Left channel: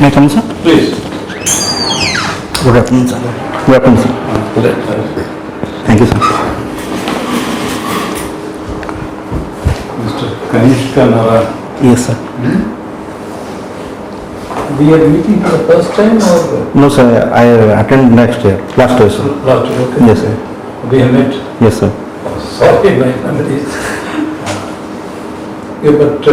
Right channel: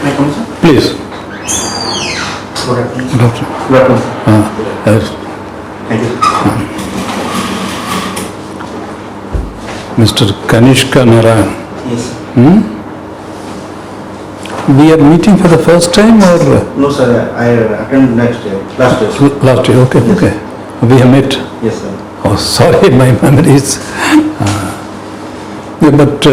May I come, sir? Please. Good afternoon, sir. Good afternoon, sir. Thank you, sir. Mr. Kaniska Narayan. Yes, sir. We are meeting for the first time or? No, sir. I attend last year. Last year, okay. Yes, okay. We have met. Yes, sir. Oh, sorry, my memory is. Yeah, but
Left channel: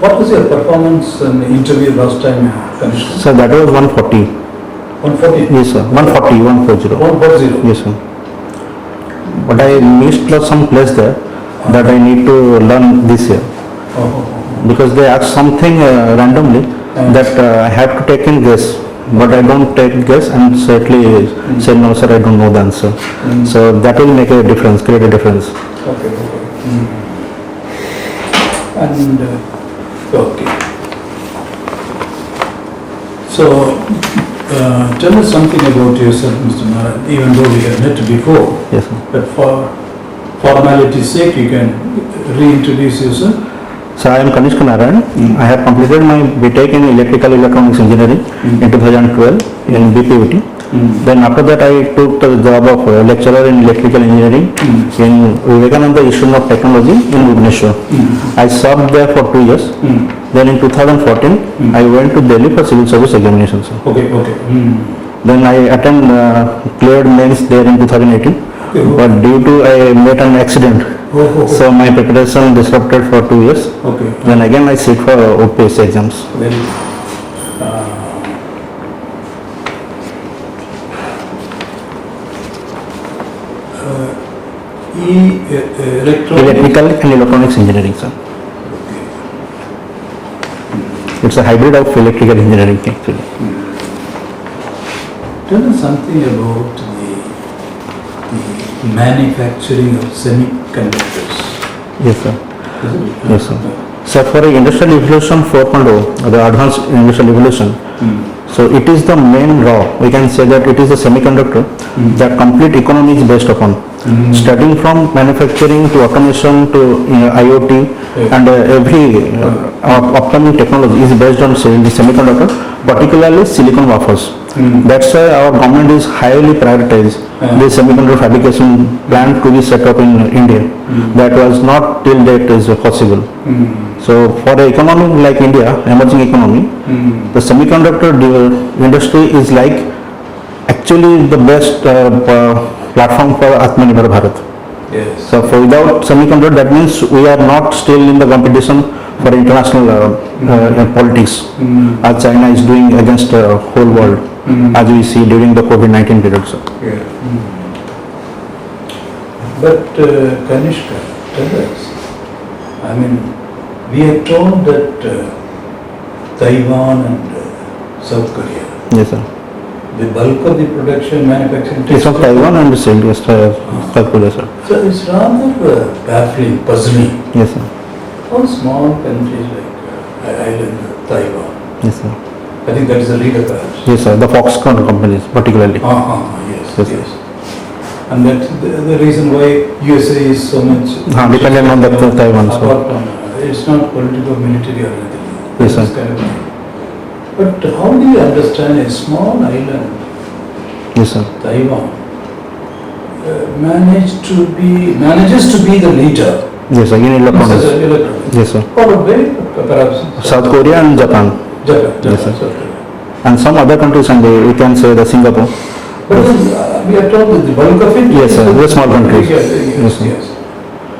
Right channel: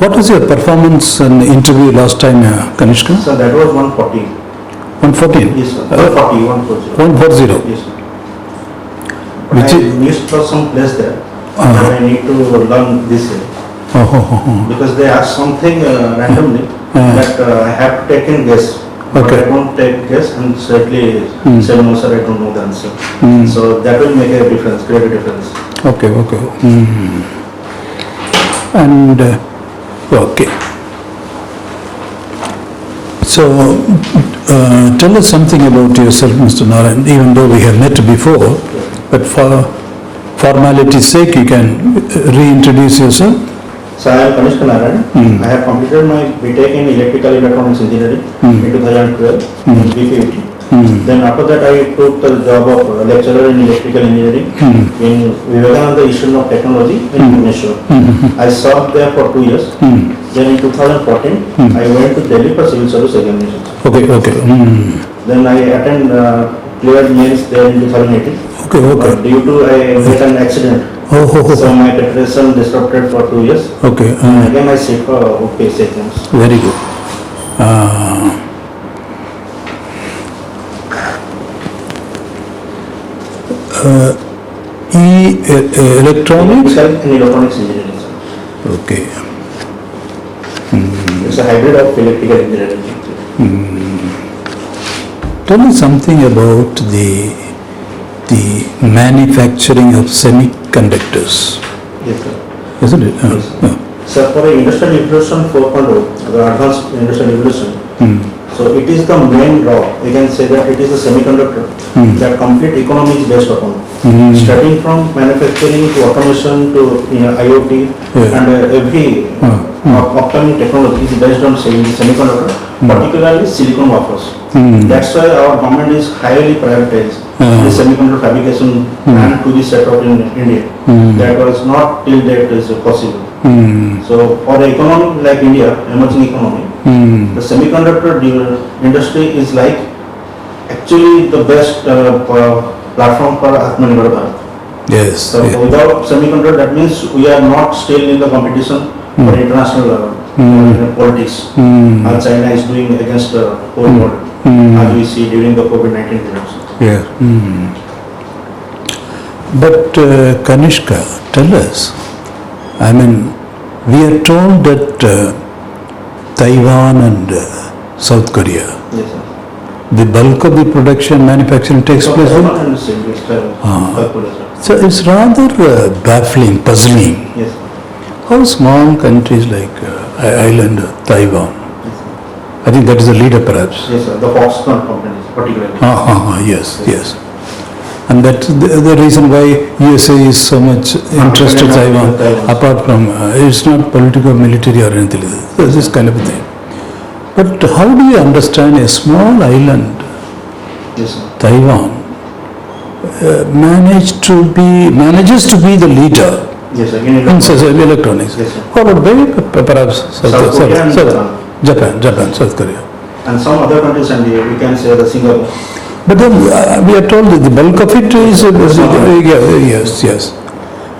what was your performance in the interview last time, Kanishka? Sir, that was 140. 140? Yes, sir. 140, 140. 140? Yes, sir. But I missed some place there that I need to learn this year. Because they asked something randomly that I have to take in guess. But I don't take guess and certainly say no, sir, I don't know the answer. So that will make a difference, create a difference. Okay, okay. And okay. So tell us something about yourself, Mr. Narayan, even though we have met before. Yes, sir. But for formality's sake, you can reintroduce yourself. So I am Kaniska Narayan. I have completed my BTech in Electrical Electronics Engineering in 2012 in BPUT. Then after that I took the job of lecturer in Electrical Engineering in Vivekananda Institute of Technology in Odisha. I served there for 2 years. Then in 2014 I went to Delhi for civil service examinations. Okay, okay. Then I cleared mains there in 2018. Okay, okay. But due to I met an accident. So my preparation disrupted for 2 years. Okay. And again I sit for UPSC exams. Very good. Electronics? Electrical and Electronics Engineering, sir. Okay. It's a hybrid of electrical engineering actually. Tell me something about the manufacturing of semiconductors. Yes, sir. Isn't it? Yes, sir. So for the Industrial Revolution 4.0, the advanced industrial revolution, so it is the main raw. We can say that it is a semiconductor that complete economy is based upon. Starting from manufacturing to automation to IoT and every upcoming technology is based on the semiconductor, particularly silicon wafers. That's why our government is highly prioritized the semiconductor fabrication plant to be set up in India. That was not till date is possible. So for an economy like India, emerging economy, the semiconductor industry is like actually the best platform for Atmanirbhar Bharat. Yes. So without semiconductor, that means we are not still in the competition for international politics, as China is doing against the whole world, as we see during the COVID-19 period. So. Yeah. But Kanishka, tell us, I mean, we are told that Taiwan and South Korea, Yes, sir. the bulk of the production manufacturing takes South place. Taiwan and South Korea, sir. So it's rather baffling, puzzling. Yes, sir. How small countries like island Taiwan, Yes, sir. I think that is the leader perhaps. Yes, sir. The Foxconn companies particularly. Yes, yes. And that's the reason why USA is so much interested in Taiwan, apart from, it's not political, military or anything like that. This is kind of a thing. But how do you understand a small island, Yes, sir. Taiwan, manages to be the leader Yes, sir. In in electronics. electronics? Yes, sir. Followed by perhaps South Korea and Japan. Japan, South Korea. And some other countries, and we can say the Singapore. But then we are told that the bulk of it Yes, is sir. That's not yes.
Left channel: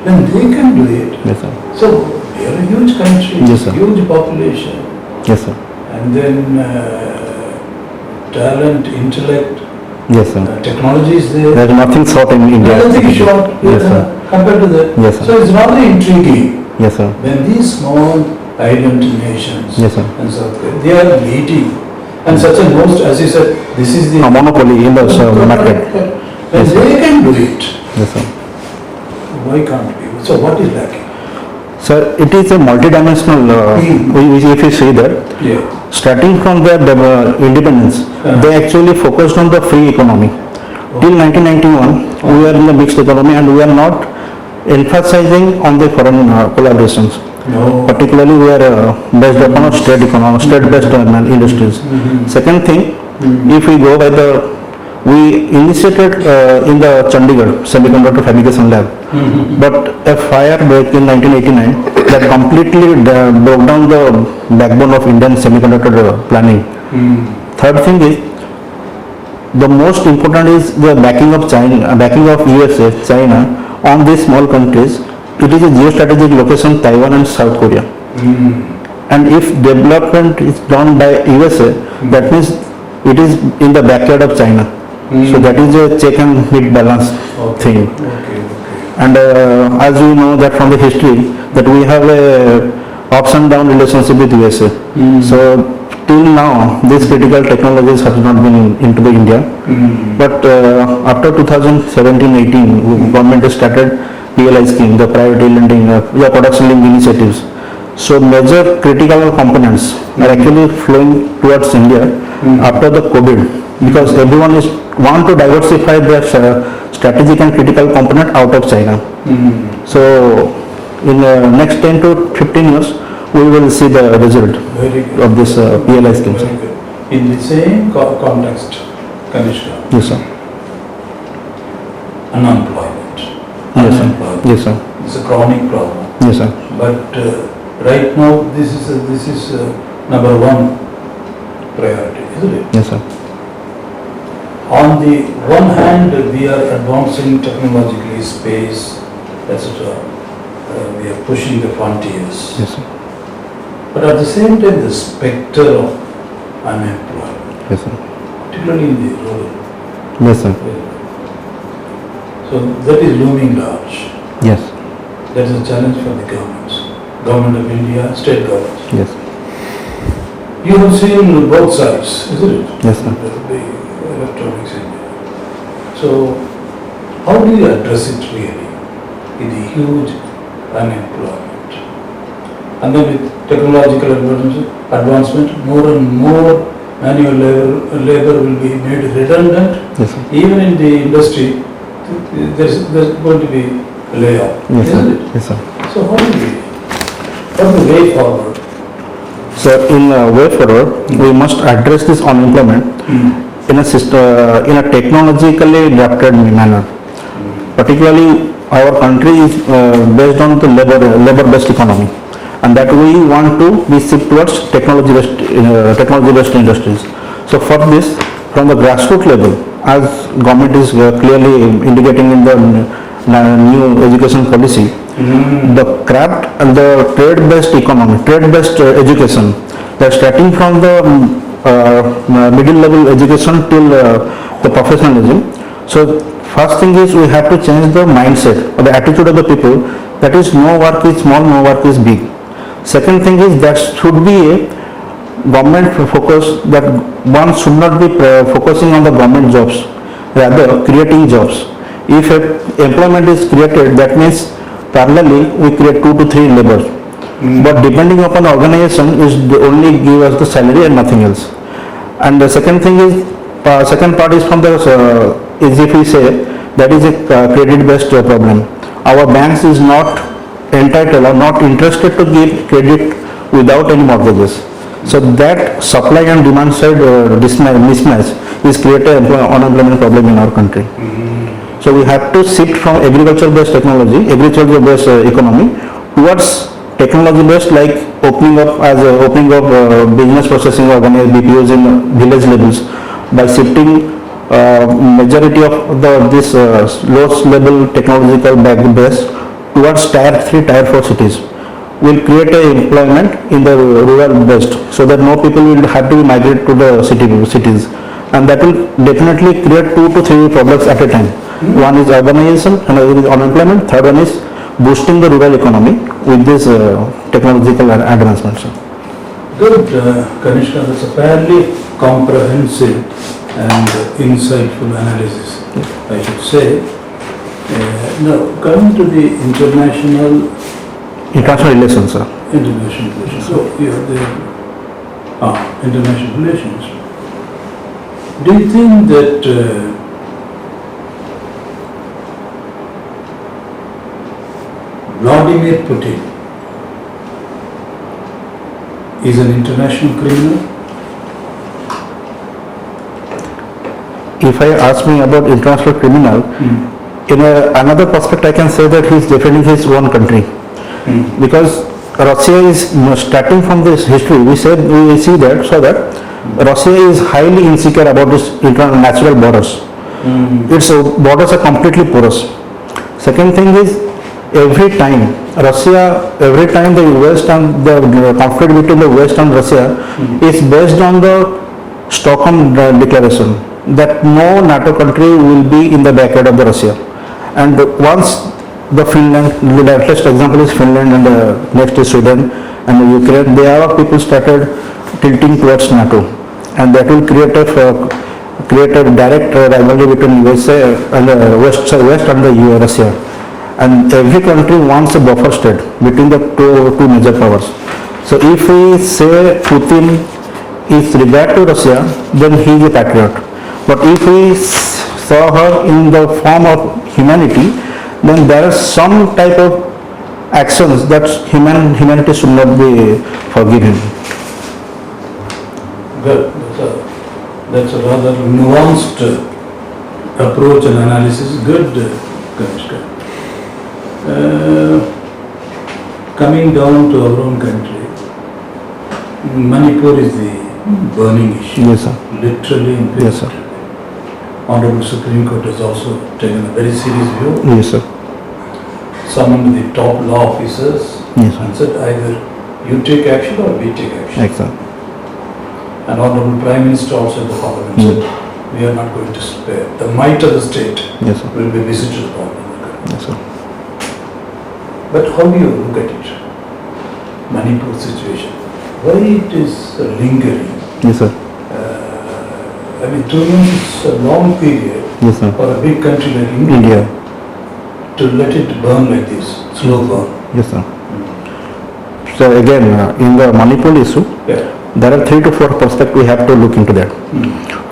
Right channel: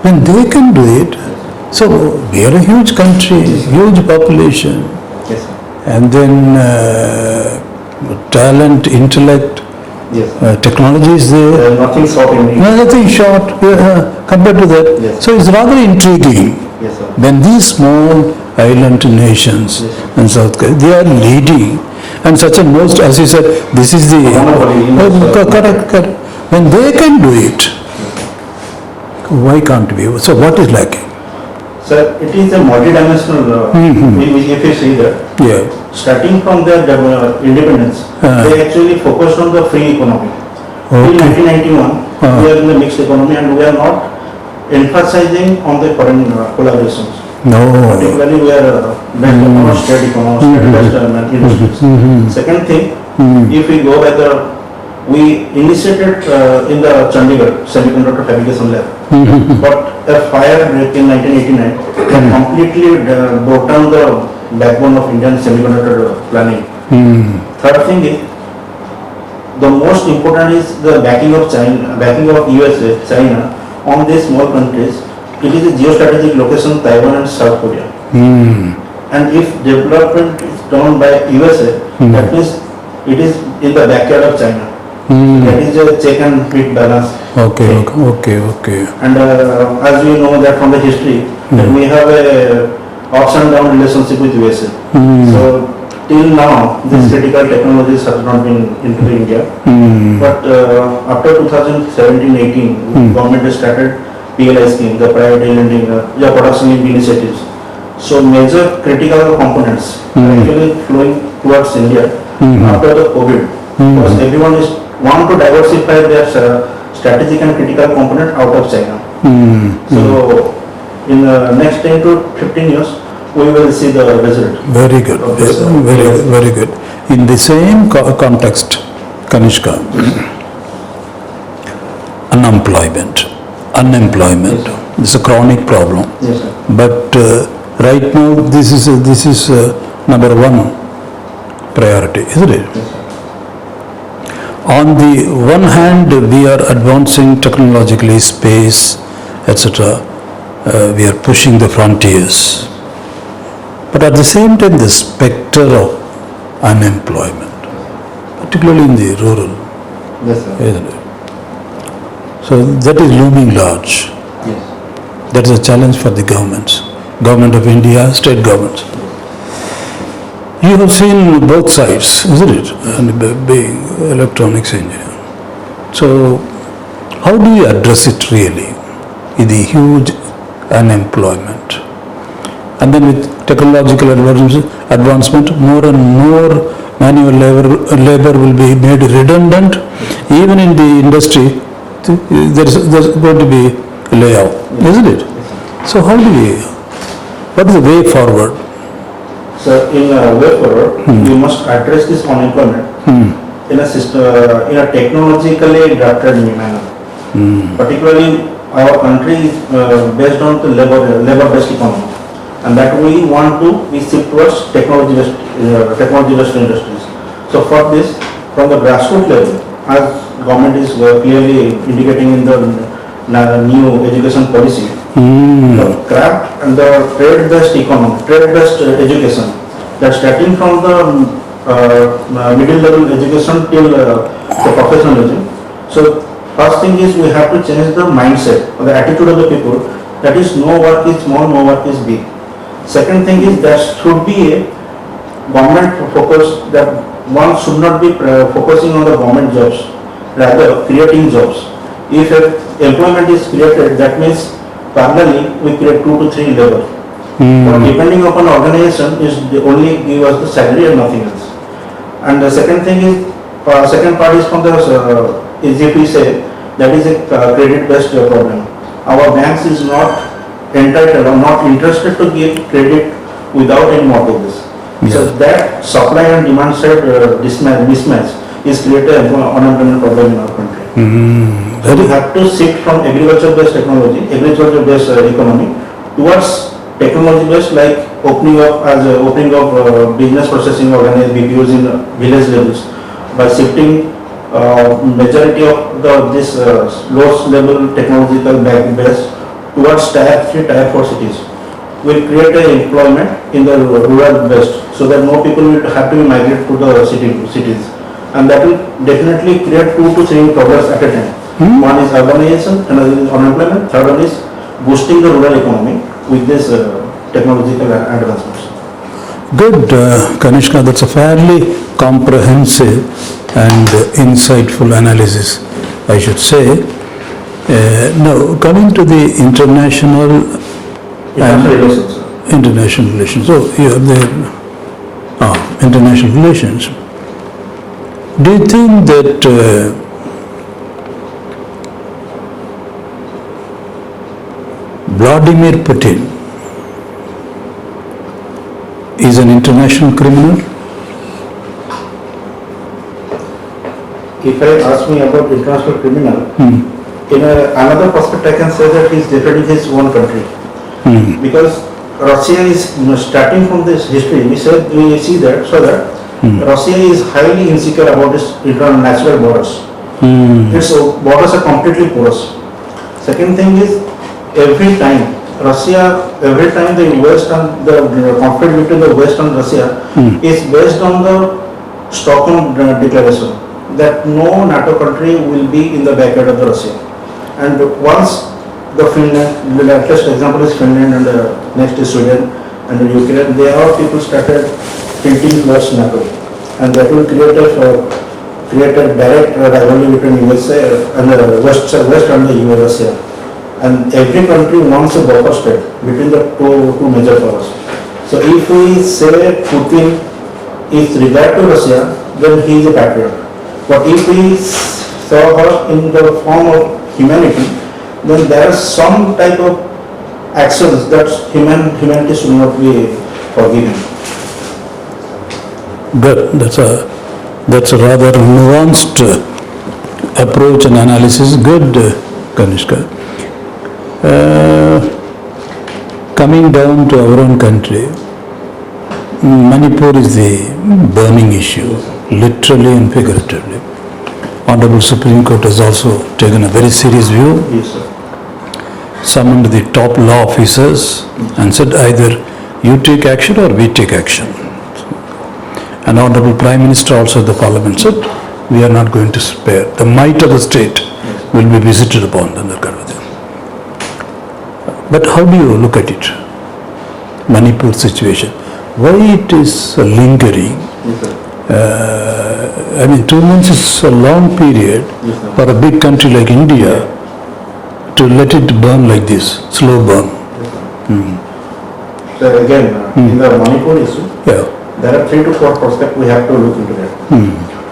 When they can do it, Yes, sir. so we are a huge country, Yes, sir. huge population, Yes, sir. and then talent, intellect, Yes, sir. technology is there. There is nothing short in India. Nothing short compared to that. Yes, sir. So it's rather intriguing. Yes, sir. When these small island nations Yes, sir. and South Korea, they are leading, and such a most, as you said, this is the monopoly in the correct. When they can do it, Yes, sir. why can't we? So what is lacking? Sir, it is a multidimensional, if you see that, Yeah. starting from their independence, they actually focused on the free economy. Till 1991, we were in a mixed economy and we are not emphasizing on the foreign collaborations. No. Particularly we are based upon state economy, state-based industries. Second thing, if we go by we initiated in the Chandigarh Semiconductor Fabrication Lab, but a fire break in 1989 that completely broke down the backbone of Indian semiconductor planning. Third thing is, the most important is the backing of China, backing of USA, China on these small countries. It is a geostrategic location, Taiwan and South Korea. And if development is done by USA, that means it is in the backyard of China. So that is a check and hit balance thing. Okay. And as we know that from the history, that we have a ups and down relationship with USA. So till now, these critical technologies have not been into the India. But after 2017-18, government has started PLI scheme, the private lending, production link initiatives. So major critical components are actually flowing towards India after the COVID, because everyone is want to diversify their strategic and critical component out of China. So in the next 10 to 15 years, we will see the result. Very good. Of this very good. In the same context, Kaniska, yes, sir. Unemployment. Yes, sir. It's a chronic problem. Yes, sir. But right now, this is number one priority, isn't it? Yes, sir. On the one hand, we are advancing technologically, space, etc. We are pushing the frontiers. Yes, sir. But at the same time, the specter of unemployment, Yes, sir. particularly in the rural, Yes, sir. isn't it? So that is looming large. Yes. That is a challenge for the governments, government of India, state governments. Yes. You have seen both sides, isn't it? Yes. And the big electronics engineer. So how do you address it really in the huge unemployment? And then with technological advancement, more and more manual labor will be made redundant. Yes. Even in the industry, there's going to be layoff, Yes, isn't sir. it? Yes, sir. So what is the way forward? So in way forward, we must address this unemployment in a system, in a technologically adapted manner. Particularly, our country is based on the labor-based economy, and that we want to be shift towards technology-based industries. So for this, from the grassroots level, as government is clearly indicating in the new education policy, the craft and the trade-based economy, trade-based education, that starting from the middle level education till the professionalism. So first thing is we have to change the mindset or the attitude of the people, that is no work is small, no work is big. Second thing is there should be a government focus, that one should not be focusing on the government jobs, rather creating jobs. If employment is created, that means parallelly we create 2 to 3 labor. But depending upon the organization, is they only give us the salary and nothing else. And the second thing is, second part is from the, is if we say, that is a credit-based problem. Our banks is not entitled or not interested to give credit without any mortgages. So that supply and demand side mismatch is creating an unemployment problem in our country. So we have to shift from agriculture-based technology, agriculture-based economy towards technology-based, like opening of business processing organized BPOs in village levels, by shifting majority of this lowest level technological base towards tier 3, tier 4 cities. Will create a employment in the rural best, so that no people will have to migrate to the cities, and that will definitely create 2 to 3 problems at a time. One is urbanization, another is unemployment, third one is boosting the rural economy with this technological advancements. Good, Kanishka, that's a fairly comprehensive and insightful analysis, I should say. Now, coming to the international relations, sir. International relations. So, you are there. International relations. Do you think that Vladimir Putin is an international criminal? If I ask me about international criminal, in another perspective I can say that he is defending his own country. Because Russia is starting from this history, we see that Russia is highly insecure about its internal natural borders. Its borders are completely porous. Second thing is, every time the West and the conflict between the West and Russia is based on the Stockholm Declaration that no NATO country will be in the backyard of the Russia. And once the Finland, the latest example is Finland and next is Sweden and Ukraine, they are people started tilting towards NATO, and that will create a direct rivalry between USA and West and the Russia. And every country wants a buffer state between the two major powers. So if we say Putin is regard to Russia, then he is a patriot. But if we saw her in the form of humanity, then there is some type of actions that humanity should not be forgiven. Good. That's a rather nuanced approach and analysis. Good, Kaniska. Coming down to our own country, Manipur is the burning issue, Yes, sir. literally and figuratively. Honorable Supreme Court has also taken a very serious view, Yes, sir. summoned the top law officers Yes. and said either you take action or we take action. Excellent. And Honorable Prime Minister also at the Parliament said we are not going to spare. The might of the state Yes, sir. will be visited upon and that kind of thing. But how do you look at it? Manipur situation. Why it is lingering? Yes, sir. 2 months is a long period Yes, sir. for a big country like India to let it burn like this, slow burn. Yes, sir. So again, in the Manipur issue, Yeah. there are 3 to 4 perspectives we have to look into that.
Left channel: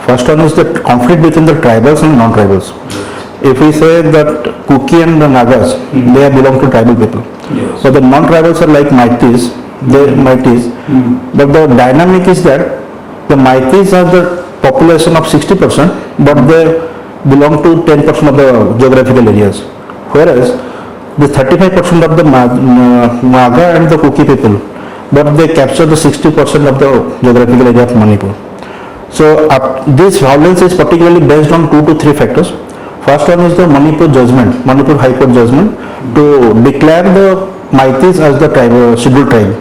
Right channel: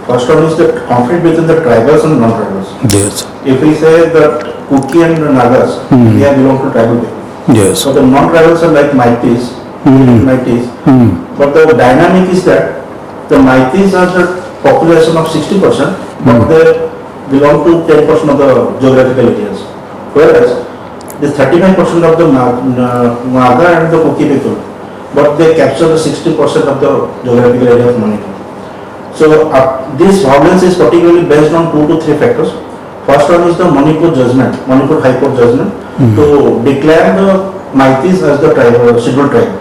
First one is the conflict between the tribals and non-tribals. Yes. If we say that Kuki and the Nagas, they belong to tribal people. Yes. So the non-tribals are like Maitis, they are Maitis. But the dynamic is that the Maitis are the population of 60%, but they belong to 10% of the geographical areas. Whereas the 35% of the Naga and the Kuki people, but they capture the 60% of the geographical area of Manipur. So this violence is particularly based on 2 to 3 factors. First one is the Manipur judgment, Manipur High Court judgment to declare the Maitis as the scheduled tribe.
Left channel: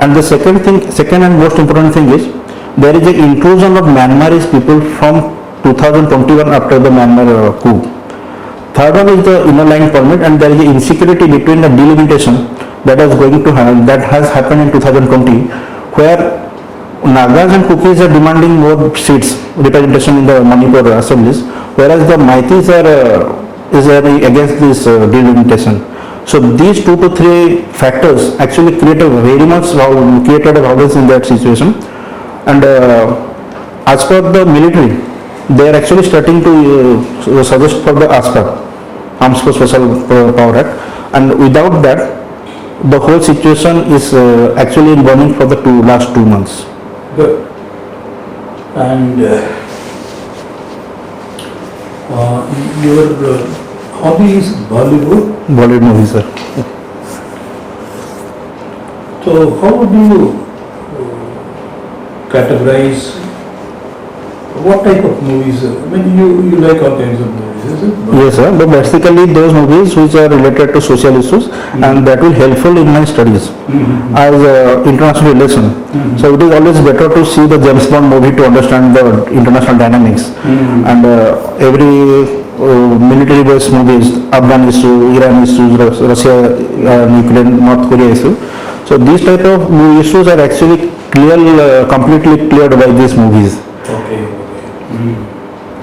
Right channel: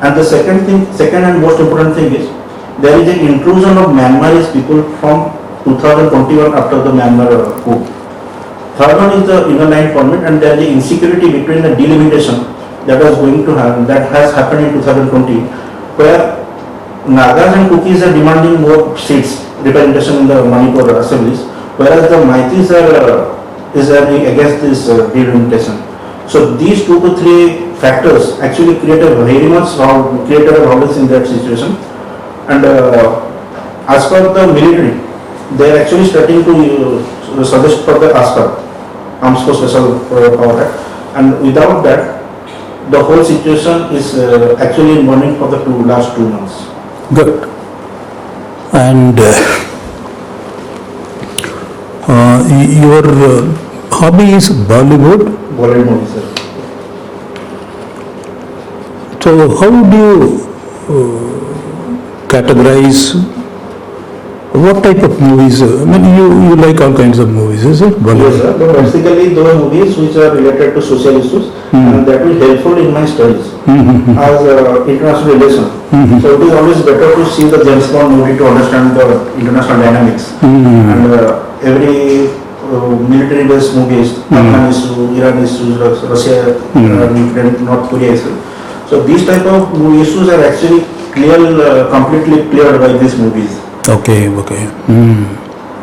And the second and most important thing is there is an intrusion of Myanmarese people from 2021 after the Myanmar coup. Third one is the inner line permit, and there is insecurity between the delimitation that has happened in 2020, where Nagas and Kukis are demanding more seats, representation in the Manipur assemblies, whereas the Maitis is against this delimitation. So these 2 to 3 factors actually created a violence in that situation. And as per the military, they are actually starting to suggest for the ASPA, Arms for Special Power Act, and without that, the whole situation is actually burning for the last 2 months. Good. And your hobby is Bollywood. Bollywood movie, sir. So how do you categorize what type of movies? You like all kinds of movies, is it? Yes, sir. But basically those movies which are related to social issues and that will helpful in my studies as international relation. So it is always better to see the James Bond movie to understand the international dynamics. And every military based movies, Afghan issue, Iran issues, Russia, Ukraine, North Korea issue. So these type of issues are actually completely cleared by these movies. Okay.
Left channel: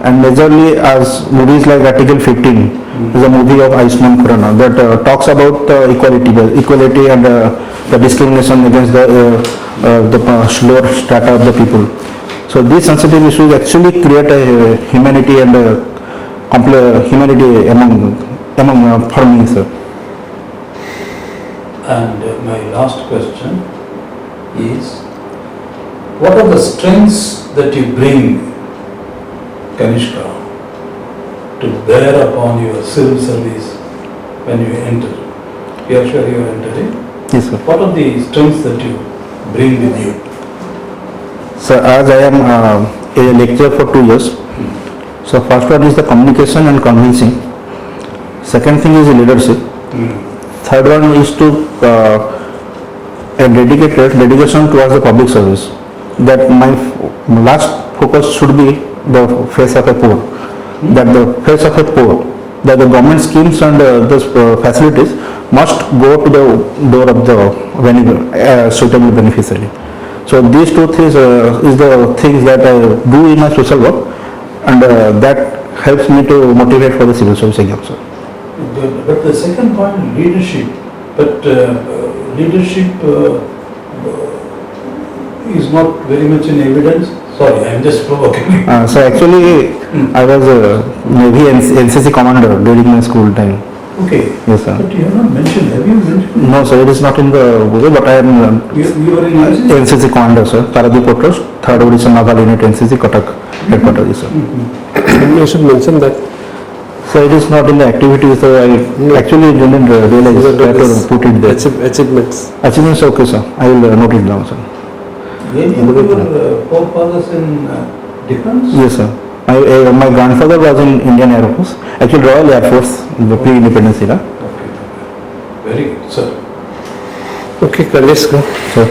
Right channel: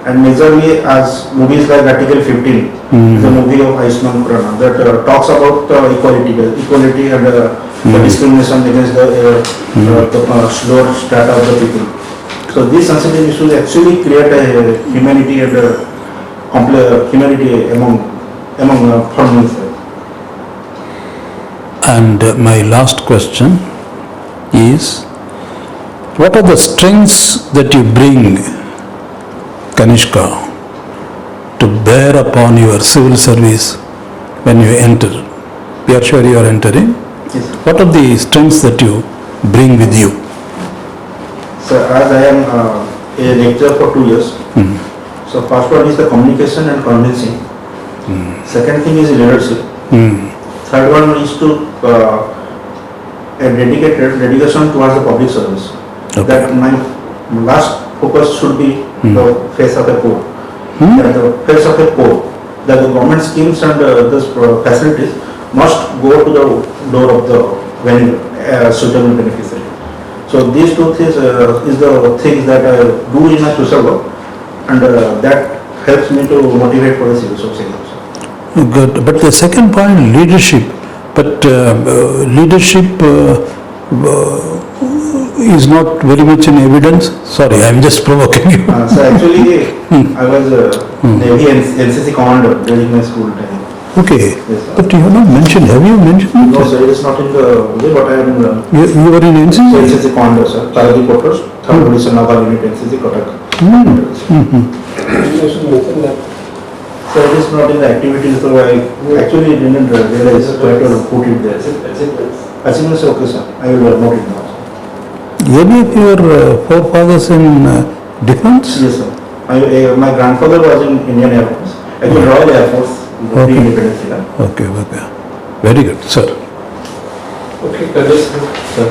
And majorly as movies like Article 15 is a movie of Ayushmann Khurrana that talks about equality and the discrimination against the lower strata of the people. So these sensitive issues actually create a humanity and humanity among for me, sir. And my last question is, what are the strengths that you bring, Kaniska, to bear upon your civil service when you enter? We are sure you are entering. Yes, sir. What are the strengths that you bring with you? So as I am a lecturer for 2 years, so first one is the communication and convincing. Second thing is leadership. Third one is to a dedication towards the public service. That my last focus should be the face of a poor. That the face of a poor, that the government schemes and the facilities must go to the door of the suitable beneficiary. So these two things is the things that I do in my social work, and that helps me to motivate for the civil service exam. Good. But the second point, leadership. But leadership is not very much in evidence. Sorry, I am just provoking you. So actually, I was Navy NCC commander during my school time. Okay. Yes, sir. But you have not mentioned. Have you mentioned? No, sir, it is not in the book, but I am You were in NCC? NCC commander, sir. Paradip Outpost, 3rd Odisha Naval Unit, NCC, Cuttack. Headquarters, sir. You should mention that. So it is not in the activities, so I actually didn't realize, try to put it there. Achievements. Achievements, okay, sir. I will note it down, sir. Any of your forefathers in defense? Yes, sir. My grandfather was in Indian Air Force, actually Royal Air Force, the pre-independence era. Okay, okay. Very good, sir. Okay, Kaniska. Sir.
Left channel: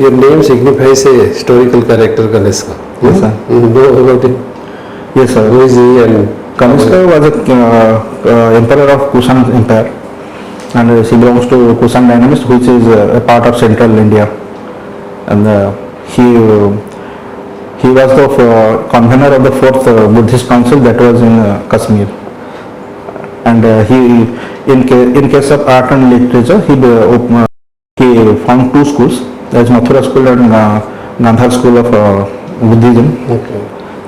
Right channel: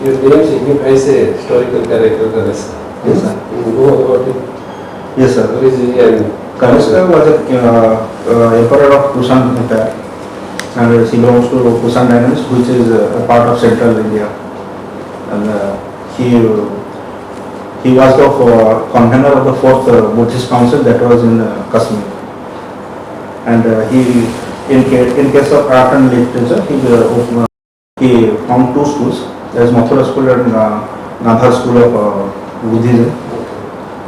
Your name signifies a historical character, Kaniska. Yes, sir. You know about him? Yes, sir. Who is he and Kaniska was the emperor of Kushan Empire, and she belongs to Kushan dynasty, which is a part of central India. And he was the convener of the 4th Buddhist Council that was in Kashmir. And in case of art and literature, he found 2 schools. There is Mathura School and Gandhar School of Buddhism. Okay.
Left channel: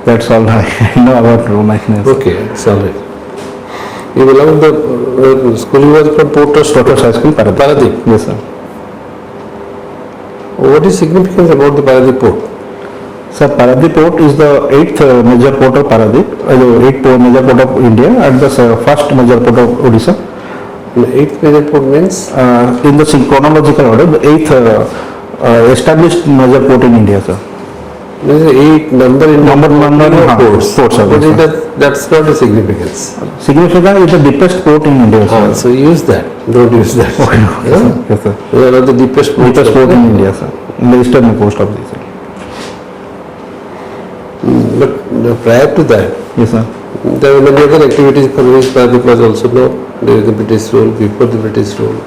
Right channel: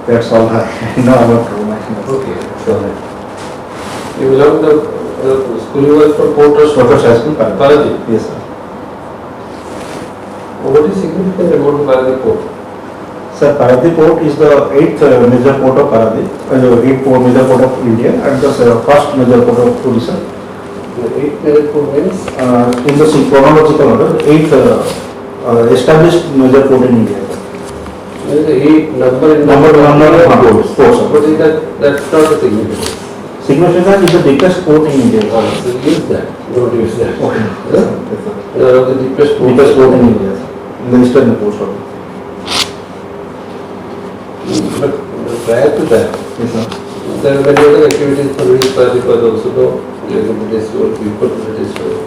That's all I know about Romance. Okay, it's all right. You belong the school was from Porter's High School, Paradip. Paradip. Yes, sir. What is significance about the Paradip port? Sir, Paradip Port is the 8th major port of Paradip, the 8th major port of India, and the first major port of Odisha. The 8th major port means? In the chronological order, the 8th established major port in India, sir. There is 8 number of ports. Ports, sir. But that's not a significance. Significant is the deepest port in India, sir. So use that. Don't use that. Okay, yes, sir. Yes, sir. One of the deepest ports. Deepest port in India, sir. In the eastern coast of India. But prior to that, Yes, sir. there were many other activities for which Paradip was also known during the British rule, before the British rule.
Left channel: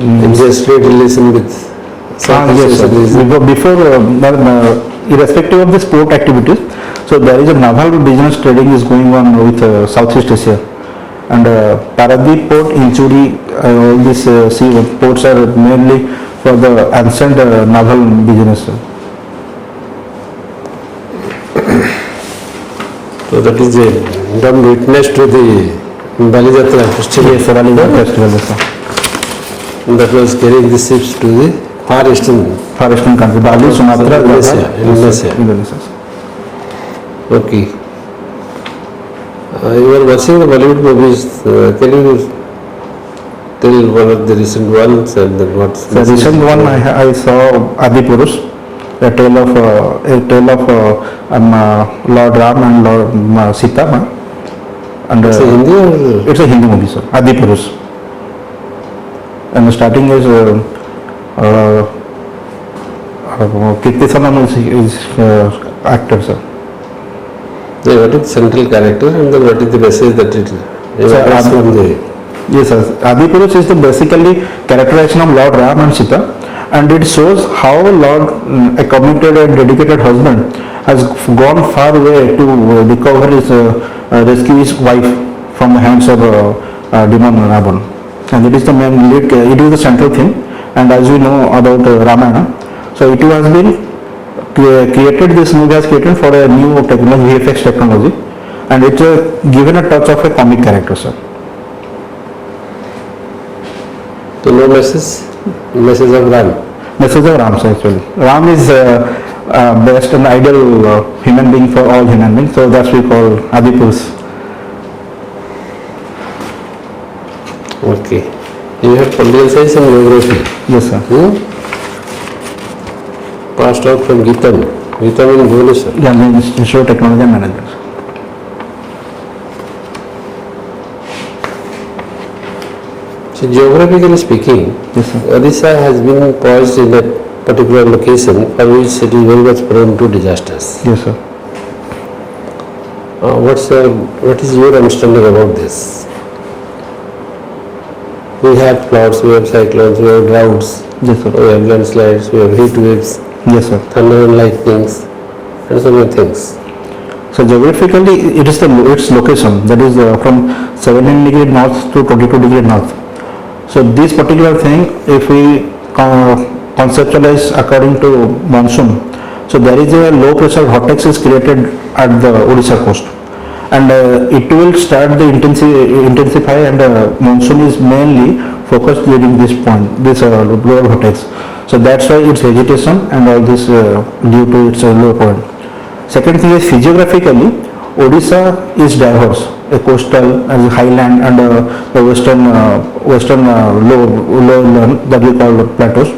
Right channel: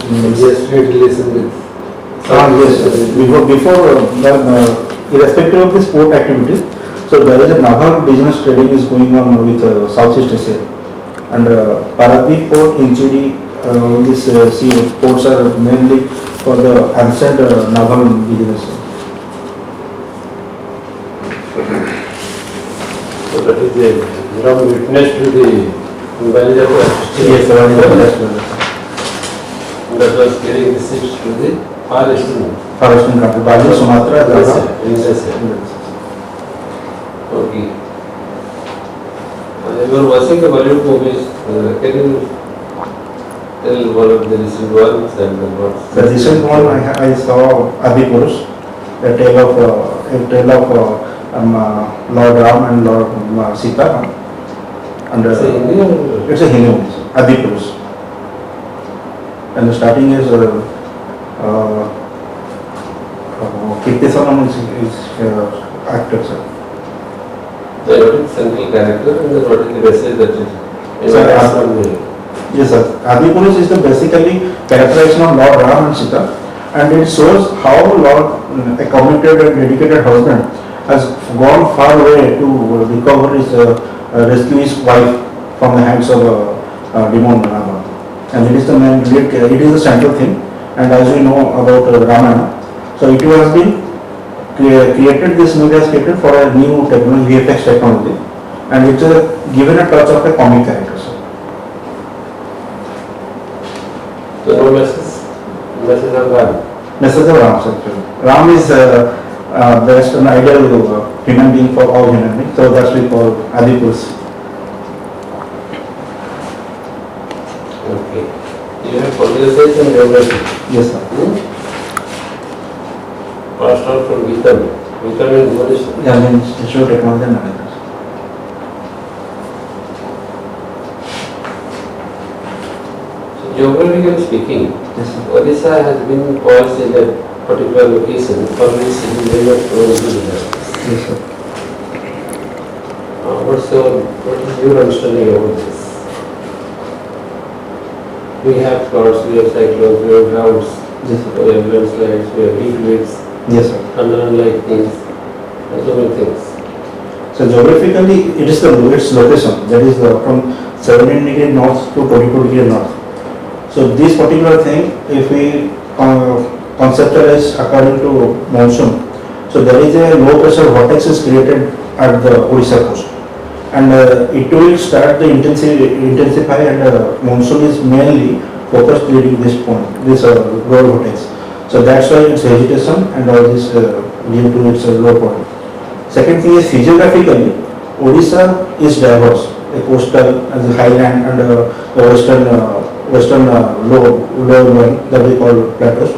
India's trade relation with Yes, sir. Before irrespective of the sport activities, so there is a naval business trading is going on with Southeast Asia, and Paradip Port, Inchuri, all these sea ports are mainly for the ancient naval business. So that is a dumb witness to the Balijatra history that was carrying the ships to the far eastern country, Bali, Sumatra, Indonesia. Indonesia. Okay. You are watching the Bollywood movies. Can you tell one of the recent ones and then what's The recent one I saw Adi Purush, a tale of Lord Ram and Lord Sita. And it's a Hindi or? it's a Hindi movie, sir. Adi Purush. And the starting is Kirti Saman is actor, sir. Yeah, what is the central character and then what is the message that it emanates from the... Yes, sir. Adi Purush is the basically characterization of Lord Ram and Sita, and it shows how Lord, a committed and dedicated husband, has gone far away to recover his, rescue his wife from the hands of demon Ravan. And it is the main lead, it is the central theme, and as we know about Ramayana, so it has been created, this movie has created for a new technology, VFX technology, and it given a touch of a comic character, sir. So no message of Ram. Message of Ram actually. Ram is best and ideal human being for all human beings, so that's we call Apti Plus. Okay. You have political science and geography. Yes, sir. Passed out from Gitan. Gitan in Odisha. Yeah, in Institute of Technology and Management. So geographically speaking, Yes, sir. Odisha has been poised in a particular location for which it is very much prone to disasters. Yes, sir. What is your understanding about this? We have floods, we have cyclones, we have droughts, Yes, sir. we have landslides, we have heat waves, Yes, sir. thunder and lightnings, and so many things. So geographically, it is its location, that is from 17 degree north to 22 degree north. So this particular thing, if we conceptualize according to monsoon, so there is a low pressure vortex is created at the Odisha coast, and it will start the intensify, and monsoon is mainly focused during this point, this lower vortex. So that's why its vegetation and all this due to its low point. Second thing is physiographically, Odisha is diverse, a coastal and highland and the western low one that we call plateaus.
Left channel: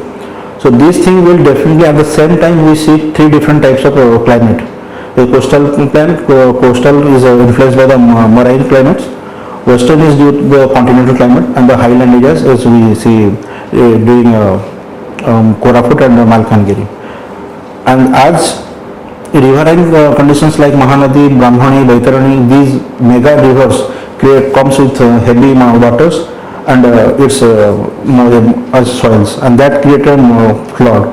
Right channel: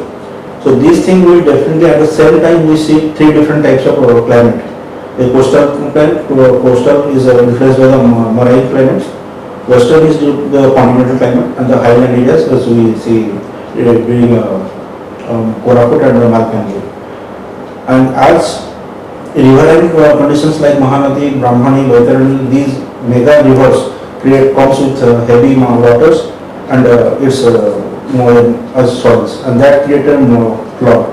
So these things will definitely, at the same time we see three different types of climate. The coastal climate, coastal is influenced by the marine climates, western is due to the continental climate, and the highland areas as we see during Koraput and Malkangiri. And as riverine conditions like Mahanadi, Brahmani, Baitarani, these mega rivers comes with heavy waters and its as soils, and that created flood.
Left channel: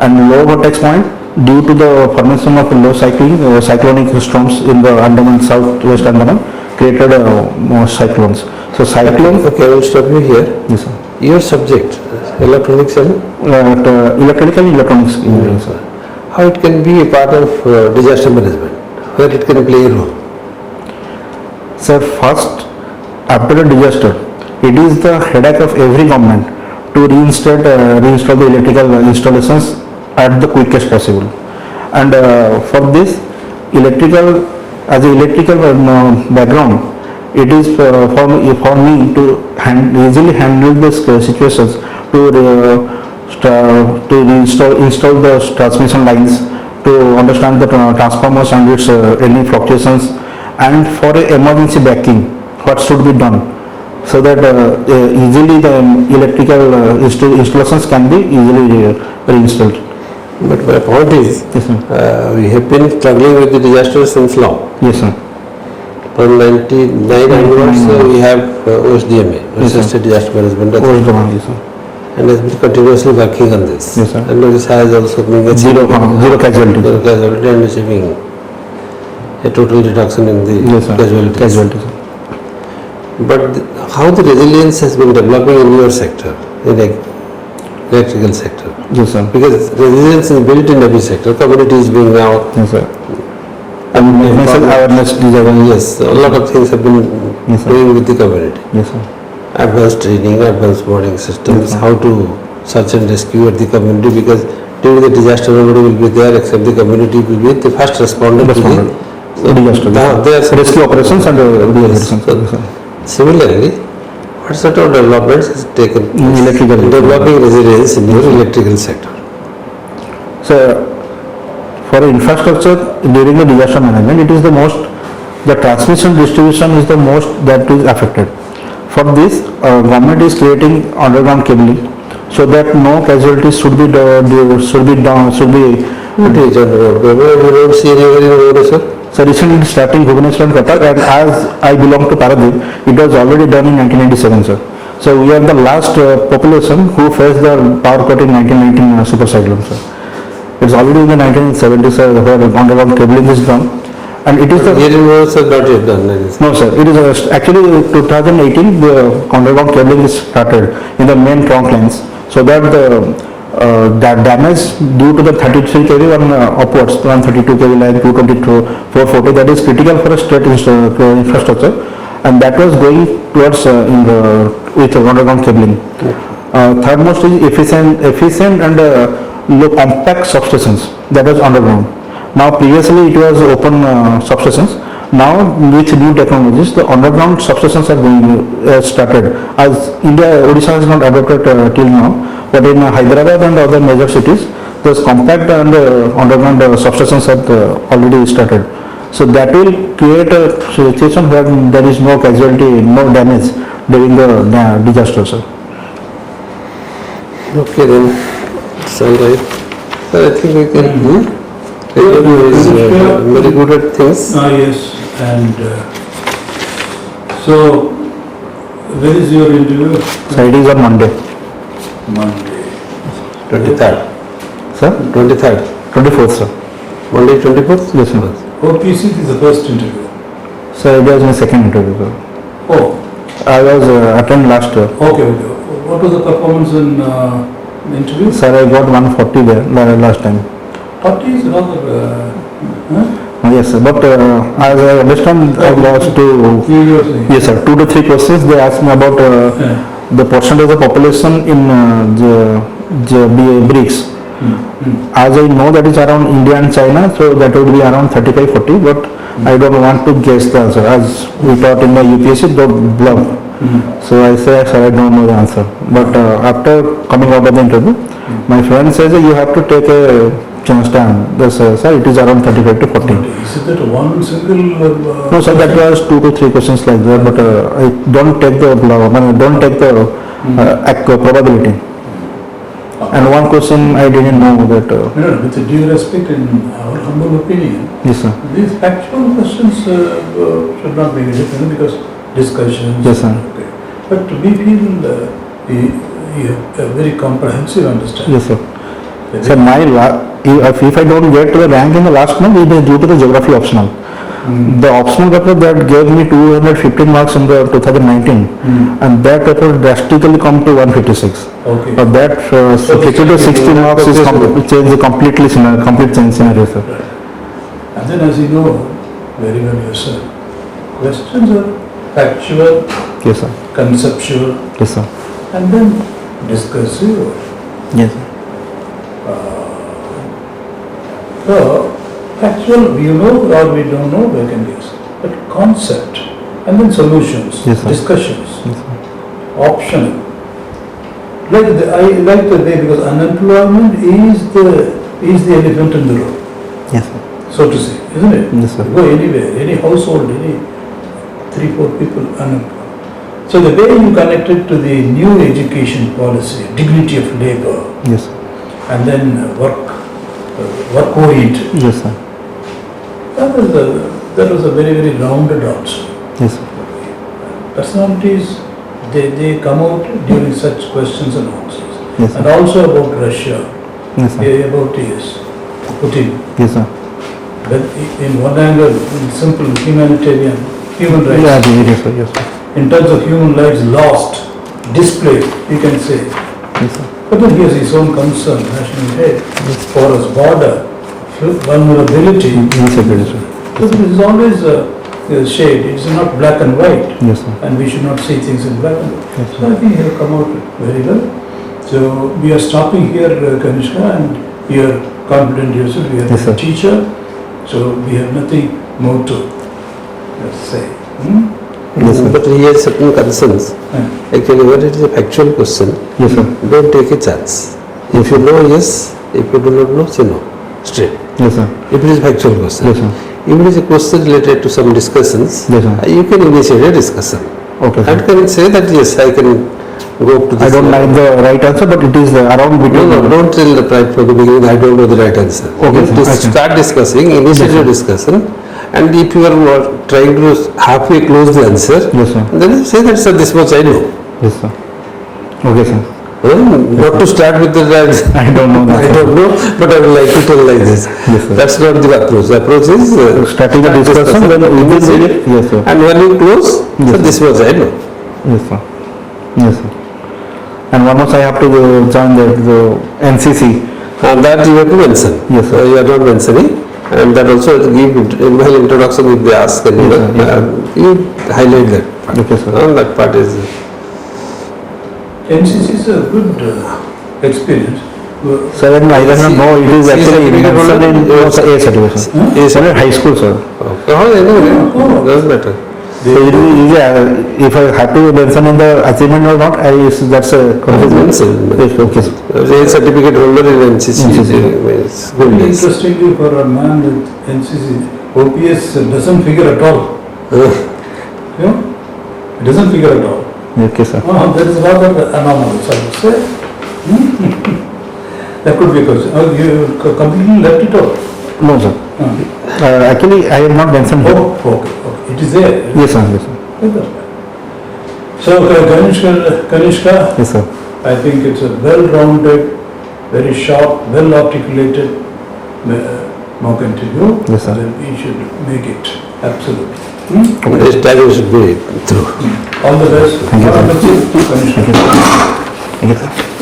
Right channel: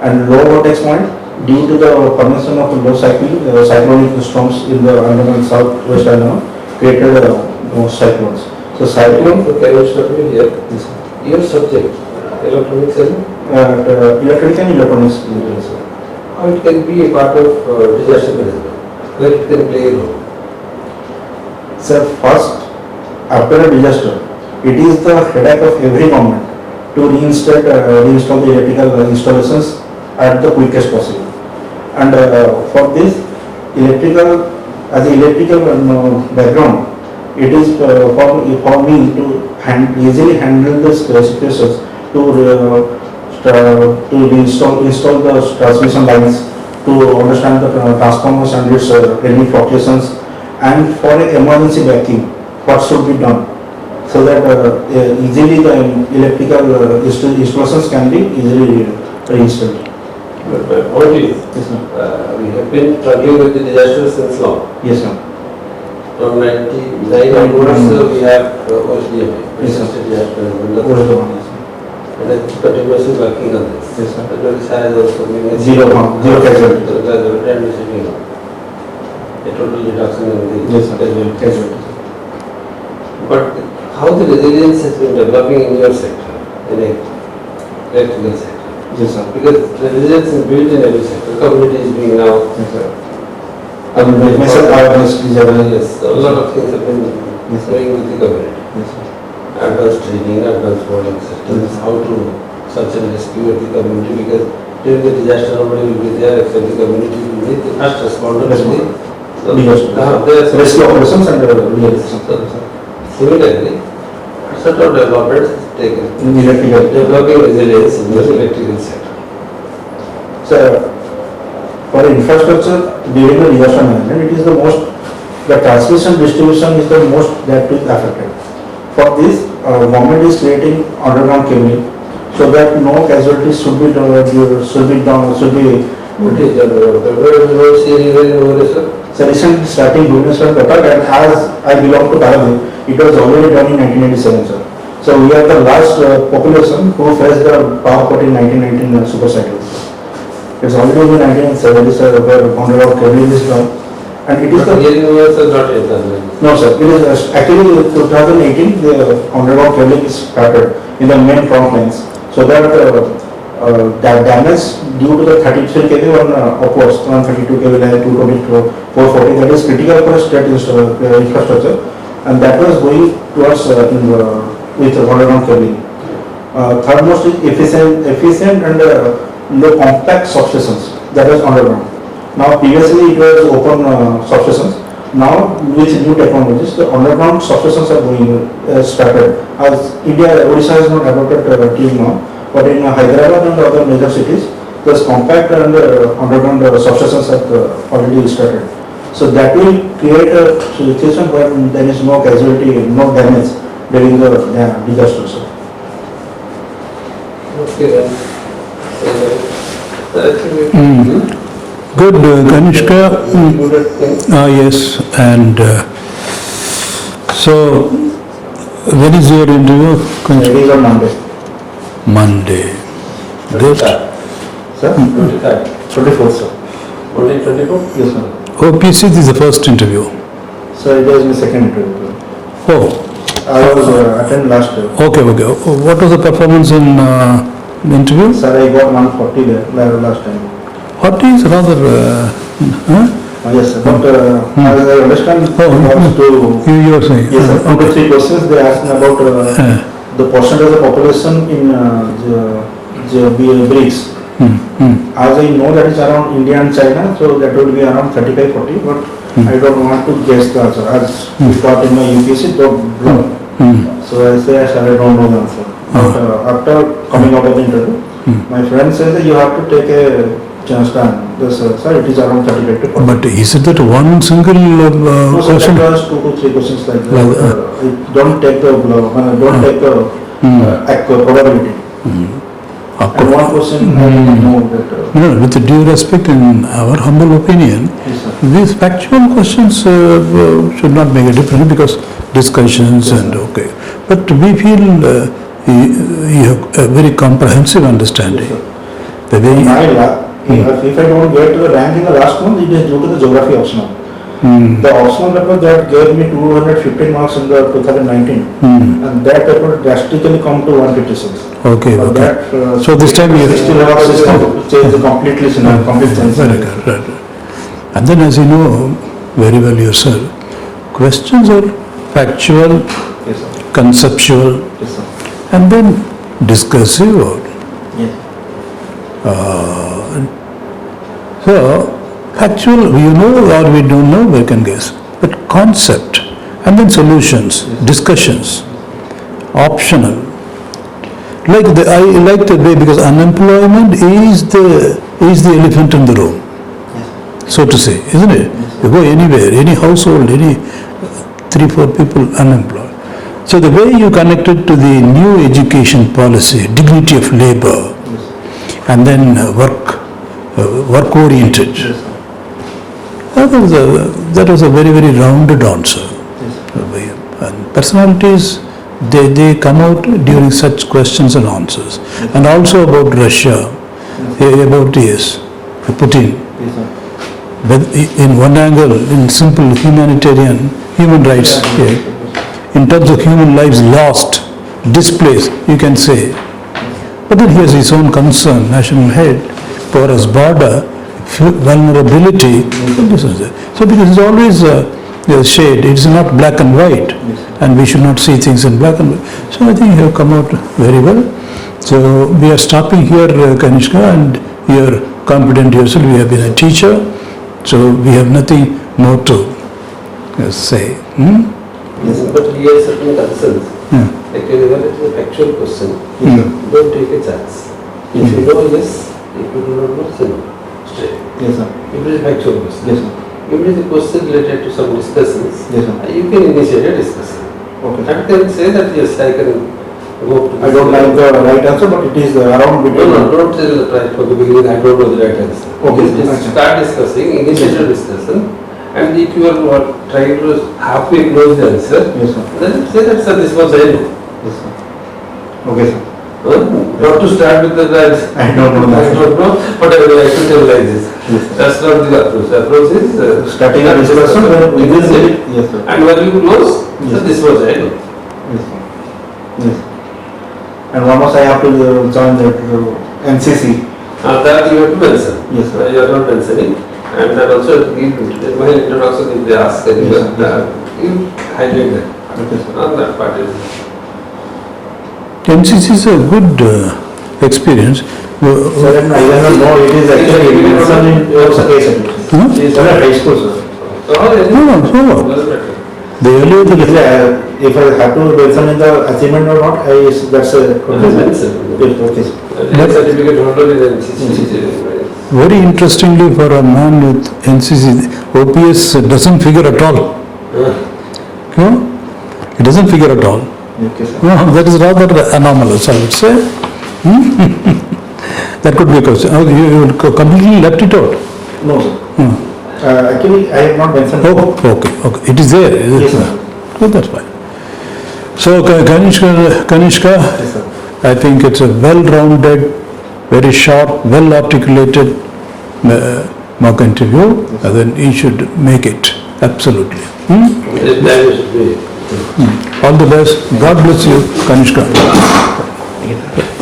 And low vortex point, due to the formation of low cyclonic storms in the Andaman, southwest Andaman, created cyclones. So cyclone. Okay, I will stop you here. Yes, sir. Your subject, electronics and Electrical and electronics engineering, sir. how it can be a part of disaster management, where it can play a role. Sir, first, after a disaster, it is the headache of every government to reinstall the electrical installations at the quickest possible. And for this, as an electrical background, it is for me to easily handle this situations, to install the transmission lines, to understand the transformers and its any fluctuations, and for emergency backing, what should be done, so that easily the electrical installations can be easily reinstalled. But my point is, Yes, sir. we have been struggling with the disasters since long. Yes, sir. From 99 onwards, we have OSDMA, Yes, sir. Assisted Disaster Management What is the one? Yes, sir. and has been continuously working on this. Yes, sir. And this has also been Zero casualty. Zero casualty and achieving a total reduction in the Yes, sir. casualties. Casualty, sir. But how the resilience has been developing in your sector, in the electrical sector? Yes, sir. Because resilience is built in every sector. Community is being now. Yes, sir. And business awareness, Yes, a lot of things have been Yes, sir. doing with the community. Yes, sir. Advanced training, advanced warning systems, Yes, sir. how to search and rescue at the community, because during the disaster nobody will be there except the community will be the first responder to the Disaster. There's Rescue operations and reactions. Yes. Yes, sir. Similarly, what sort of developments is taken In electrical. developing resilience in the electrical sector? So, for infrastructure during the disaster management, it is the most, the transmission distribution is the most that is affected. For this, government is creating underground cabling so that no casualties should be What is underground? See anywhere, sir? So recently starting Bhubaneswar and Cuttack, and as I belong to Paradip, it was already done in 1997, sir. So we are the last population who faced the power cut in 1919 super cyclone, sir. It's already in the 1970s, sir, where underground cabling is done, and it is the Here in US, not yet done. Like this. no, sir. It is actually 2018 the underground cabling is started in the main trunk lines, so that the that damage due to the 33 kV on upwards, 132 kV line, 222, 440, that is critical for a state infrastructure, and that was going towards with underground cabling. Third most is efficient and low compact substations, that was underground. Now previously it was open substations. Now with new technologies, the underground substations are being started. As India, Odisha has not adopted till now, but in Hyderabad and other major cities, those compact and underground substations are already started. So that will create a situation where there is no casualty, no damage during the disaster. Sir. Okay then, so I think we can do. Kaniska, very good at things. yes, and so when is your interview? So it is on Monday. Monday. 23rd. Sir? 23rd. 24th, sir. Monday 24th? Yes, sir. OPC this is the first interview. So it was my second interview, sir. Oh, I was attended last year. okay. What was the performance in the interview? Sir, I got 140 there last time. 40 is rather, Yes, sir. But as I understand, almost you are saying. yes, sir. 2 to 3 questions they asked me about the percentage of population in the BRICS. As I know that is around India and China, so that would be around 35-40. But I don't want to guess the answer. As we taught in my UPSC, the bluff. So I say, sir, I don't know the answer. But after coming out of the interview, my friend says that you have to take a chance time. Yes, sir, it is around 35 to 40. But is it that one single No, sometimes there was 2 to 3 questions like that, but I don't take the don't take the probability. And one question I didn't know that. No, with due respect, in our humble opinion, Yes, sir. these factual questions should not make a difference because discussions Yes, and sir. okay. But we feel you have a very comprehensive understanding. Yes, sir. The So way if I don't get the rank in the last month, it is due to the geography optional. The optional paper that gave me 215 marks in the 2019, and that paper drastically come to 156. Okay. That so this time 60 marks is change the completely complete change scenario, sir. Right. And then as you know very well yourself, questions are factual, Yes, sir. conceptual, Yes, sir. and then discursive. Yes. So, factual, we know or we don't know, we can guess. But concept, and then solutions, Yes, sir. discussions, optional. I like the way, because unemployment is the elephant in the room, Yes, sir. so to say, isn't it? Yes, sir. You go anywhere, any household, any 3-4 people unemployed. So the way you connect it to the new education policy, dignity of labor, Yes, sir. and then work oriented. Yes, sir. That was a very, very rounded answer. Yes, sir. And personalities, they come out during such questions and answers. Yes, And also about Russia, Yes, sir. about Putin. Yes, sir. But in one angle, in simple human rights, Yes, sir. Yes, sir. in terms of human lives lost, displaced, you can say. Yes, sir. But then he has his own concern, national head, porous border, vulnerability. So there is always a shade. It is not black and white, Yes, sir. and we should not see things in black and white. So I think you have come out very well. So we are stopping here, Kaniska, and you are confident yourself. We have been a teacher, so we have nothing more to say. Yes, sir. But he has certain concerns. Yeah. Actually, when it is a factual question, Yes, sir. don't take a chance. If you know, yes. If you do not know, say no. Straight. Yes, sir. If it is a factual question. Yes, sir. If it is a question related to some discussions, Yes, sir. you can initiate a discussion. Okay, sir. And can say that yes, I can go to this. I don't like the right answer, but it is around No, between. no, don't tell right from the beginning, I don't know the right answer. Okay, You sir. just Okay. start discussing, initiate your discussion, and if you are trying to halfway close the answer, Yes, sir. then say that, sir, this much I know. Yes, sir. Okay, sir. Not to start with the right. I don't know that. I don't know, but I would like to tell like this. Yes, sir. That's not the approach. The approach is Starting a discussion, then initiate, yes, sir. and when you close, Yes, sir, sir. this much I know. Yes, sir. Yes, sir. And one more I have to join the NCC. And that you have to mention. Yes, sir. You are not mentioning. And that also give in my introduction if they ask, Yes, sir. you highlight that. Okay, sir. That part is. NCC is a good experience. So then I don't know, it is actually mentioned in your A certification. It's a high school, sir. Oh, I know. No. Doesn't matter. If I have to mention in the achievement or not, that's a Mention. Okay. Real certificate holder in NCC. Very interestingly, for a man with NCC, OPS doesn't figure at all. No? It doesn't figure at all. Okay, sir. No, that is rather anomalous, I would say. That could be a question. Oh, you completely left it out. No, sir. Actually, I have not mentioned here. Okay. It is there. Yes, sir. Yes, sir. Oh, that's fine. So, Kaniska, Yes, sir. I think it's a well-rounded, very sharp, well-articulated mock interview. Yes, sir. And then you should make it. Absolutely. This time should be through. All the best. God bless you, Kaniska. Yes, sir.